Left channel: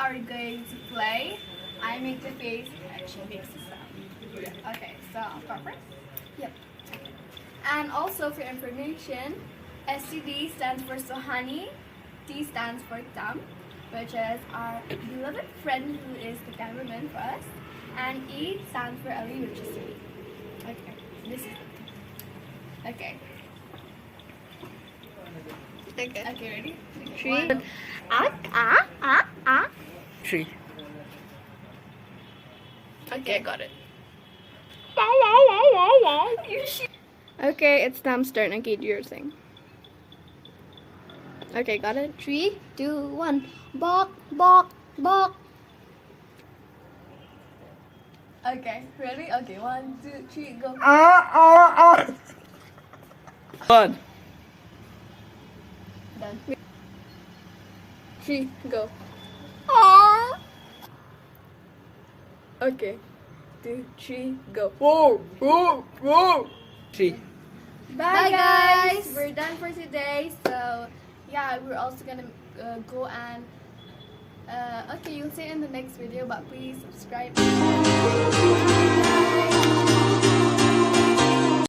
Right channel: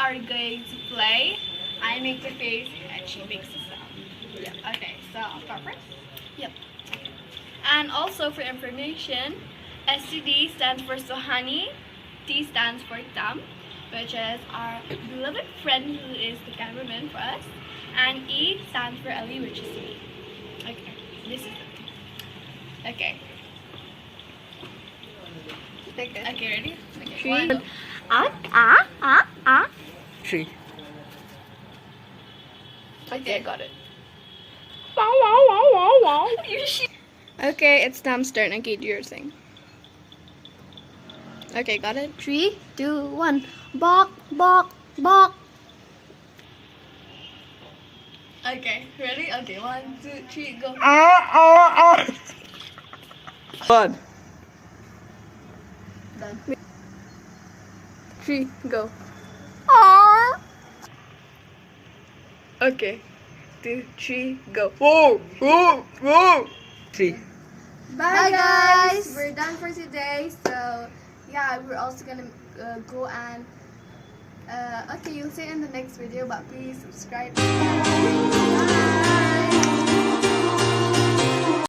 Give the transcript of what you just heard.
are going to play. I make the face and she makes the sound. Yeah. Okay, so I'll start first? Yep. Okay. And also for information, STD stands for Sohani, T stands for Tam, which is our beloved friend who is the cameraman for us, and E stands for Ali, which is me. Okay, this is it. Okay. Okay, ready? Okay. Three. One. Three. Okay, got it. Okay, it's Tam's turn. Okay, do your thing. Okay, got it? 3, 2, 1. Bok, bok, bok. Okay, ready? Okay, 1, 2, 3, go. One. Done. 3, go. Okay. 2, 3, go. Whoa, whoa, whoa. 3. Bye guys! We're done for today. So yeah, we're also gonna go and okay, you'll see it in the next video, but please subscribe. Bye.